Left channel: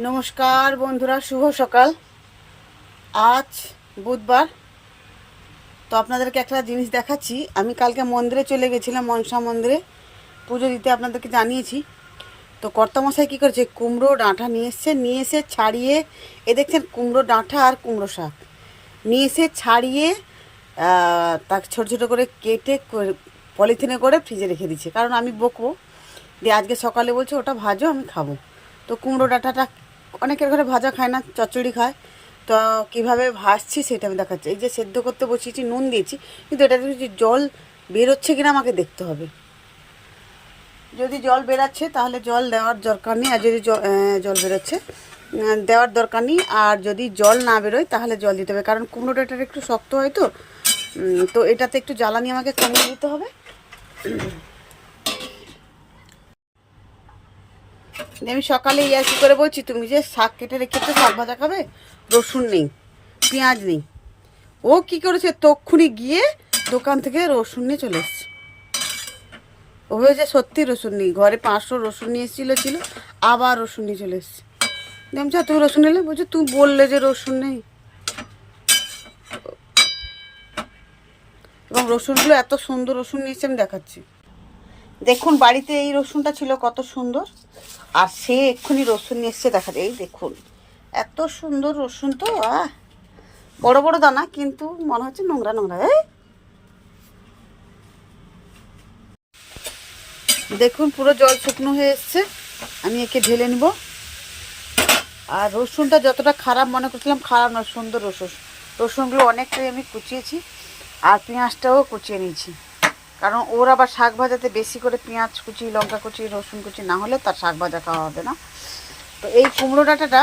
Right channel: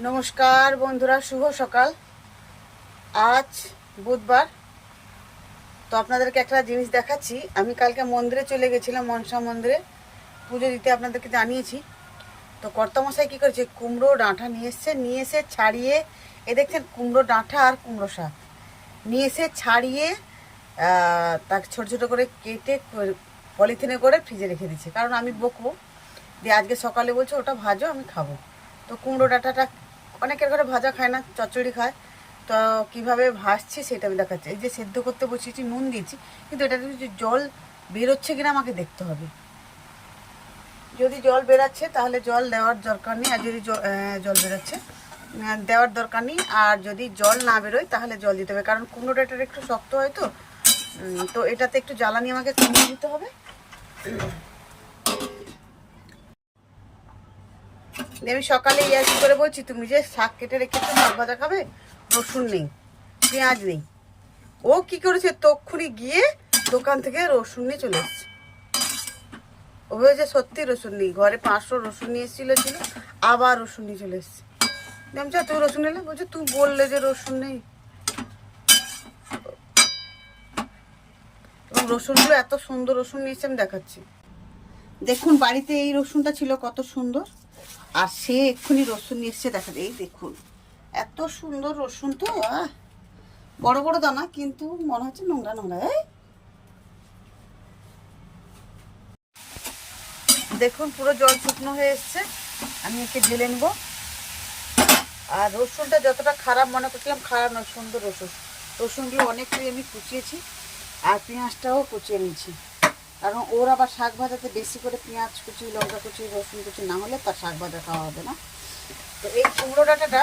নমস্কার বন্ধুরা, শুভ সকাল। আজ বুধবার। তো আপনাদেরকে একটা জিনিস দেখাচ্ছি। আমি কালকে মন্দিরে চলে গেছিলাম, মনসা মন্দিরে। পুজো দিতে আপনাদেরকে জানিয়েছি। তো কর্তমশাই কী করেছে? কুমড়ো ডাঁটা নিয়ে এসছে, নিয়ে এসে ছাড়িয়ে, এ দেখছেন কুমড়ো ডাঁটা আর কুমড়ো শাক। নিয়ে এসে ছাড়িয়ে তাকে ছোটো ছোটো করে কেটে পলিথিনে করে ফ্রিজে রেখে দিচ্ছে কারণ আমি বকবো। দিয়ে আজকে সকালে বলছে, ওটা ভাজো, আমি খাব। তো কুমড়ো ডাঁটাটা অনেকের ঘরে ভাজা খায় না, চচ্চড়ি খায়। তো কীভাবে ভাজছি সেটা আমি দেখাচ্ছি। এই যে সেদ্ধ করতে বসিয়েছি, নুন দিয়েছি, কিন্তু এটা যে জল বেরোচ্ছে কিনা আমাকে দেখতে হবে। যদি জল বেরাচ্ছে, তাহলে জল দেওয়ার দরকার নেই, আর যদি জল বেরোচ্ছে দেওয়ার দরকার নেই, আর যদি জল না বেরোয়, তাহলে জল দিতে হবে, কারণ কুমড়ো ডাঁটাটা একটু শক্ত হয় তো। তো এটাতে একটু জ্বালানি আমাকে কমিয়ে দিতে হবে। আমি সকালে ইয়ার করে বলছি তুমি যে শাক কেটে রেখেছো শাক ভাজা খাবে? রসুন নেই পেঁয়াজ নেই। ও কি করেছে তক্ষুনি গিয়ে দোকান থেকে রসুন নিয়ে চলে এসছে। ও হয়েছে সত্যি রসুন নেই ঘরে পাঁচশো রসুন নিয়ে এসেছিল ছিল আবার রসুন নিয়ে চলে এসছে। আমি বলছি, তুমি রসুন নিলে বলছি তুমি বললে যে রসুন নেই। এবং রসুনগুলো এত সুন্দর রসুন নিয়েছে আমি দেখাচ্ছি। দেখুন, বাড়িতে এই রসুনটা ছিল কত সুন্দর। আর সে এক্ষুনি রসুন নিয়ে এসছে, দেখা এই দেখুন। এত সুন্দর রসুন তো বড় বড় দানা, কিন্তু মনে হচ্ছে নোংরা নোংরা দেখুন, পুরো জল শুকনো হয়ে এসছে। আমি একে ঢেলে নিব। আর রসুনটা যতটা খারাপ, মনে করছিলাম খারাপ না সুন্দর রসুন। রসুনগুলো অনেকটাই আমি কুচিয়েছি, আর পেঁয়াজটাও কুচিয়ে নিয়েছি। কারণ ওর আবার শাক ভাজাতে বেশি করে পেঁয়াজ কুচি, লঙ্কা কুচি, রসুন কুচি না হলে তার শাক ভাজা খাওয়া হবে না। তো এই কুমড়ো ডাঁটাটা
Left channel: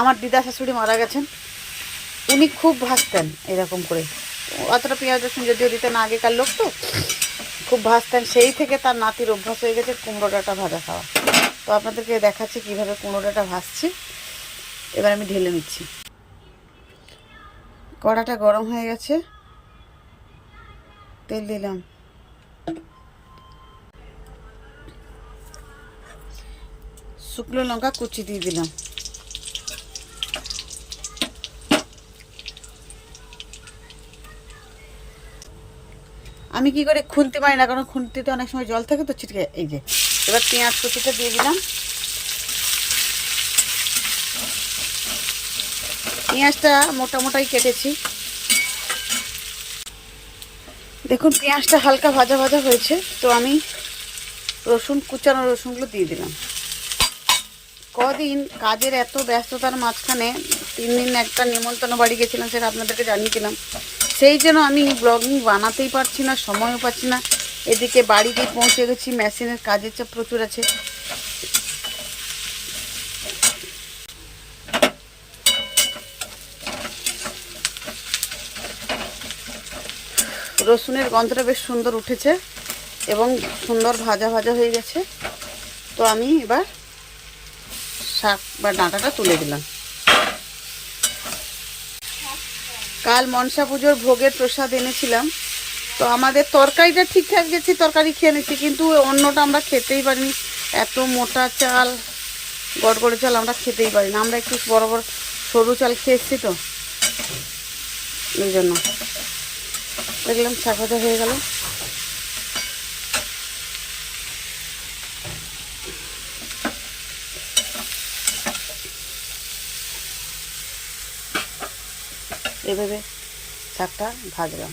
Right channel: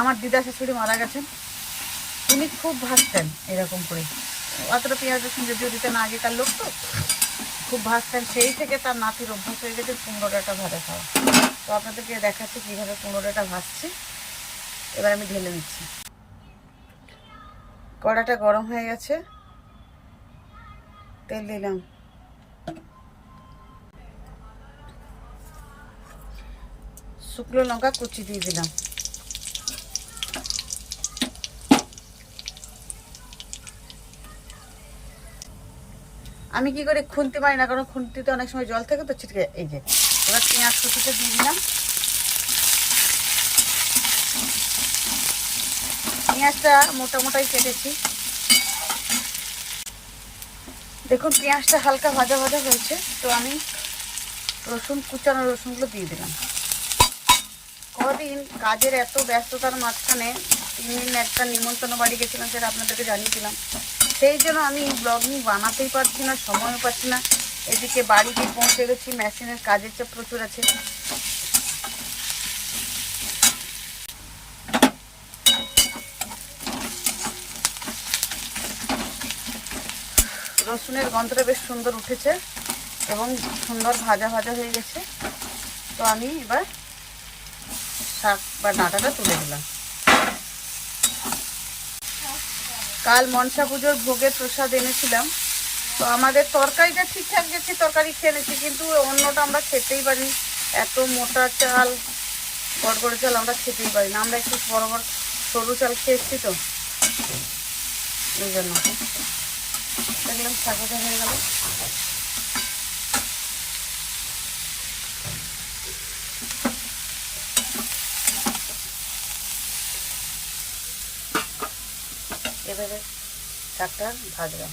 আমার দিদা শাশুড়ি মারা গেছেন। উনি খুব ভাজতেন এরকম করে। অতটা পেঁয়াজ রসুন যদিও দিতেন আগেকার লোক তো। খুব ভাজতেন। সেই থেকে তার নাতির অভ্যাস হয়ে গেছে কুমড়ো ডাঁটা ভাজা খাওয়া। তো আপনাদেরকে দেখাচ্ছি কীভাবে কুমড়ো ডাঁটা ভাজছি। এবার আমি ঢেলে নিচ্ছি। কড়াটা গরম হয়ে গেছে। তেল দিলাম। শুকনো লঙ্কা কুচি দিয়ে দিলাম। আমি কি করে খুনতে পারি না? কারণ খুনতিতে অনেক সময় জল থাকে তো ছিটকে, এই যে, এবার পেঁয়াজ কুচিটা দিয়ে দিলাম। পেঁয়াজটা মোটা মোটাই কেটেছি। দেখুন, পেঁয়াজটা হালকা ভাজা ভাজা হয়েছে, তো আমি রসুন, কুচানো রসুনগুলো দিয়ে দিলাম। কদিন কাজের এত ব্যস্ততার মাঝখানে তিন দিন একটা নিমন্ত্রণ বাড়ি গেছিলাম, সেটা আপনাদেরকে জানিয়েছিলাম সেই জন্য আমি ব্লগিং বানাতেই পারছি না, সময়ও পাচ্ছি না। এদিকে বাড়িতে পৌঁছে গেছি, মেশিনের কাজের চাপ প্রচুর আছে। রসুনের গন্ধটা বেশ সুন্দর উঠেছে এবং সুন্দর ভাজা ভাজা হয়ে গেছে। তো আমি এবার শাক বা ডাঁটাটা তুলে দিলাম। কাল মনসা পুজোর ভোগের প্রসাদ এনেছিলাম। তো আমাদের তরকারিটা ঠিকঠাক গেছে, তরকারি খেয়ে নিচ্ছি, কিন্তু অন্যটা আমরা খেতেই পারিনি। এত মোটা চাল, গড়গড়ে চাল আমরা খেতেই পারি না আমরা একটু বড় বড় সরু চাল খেয়ে এসছি তো, এই জন্য। দেখলাম শাখাটা হয়ে গেল। এভাবে শাকটা ভাজলাম।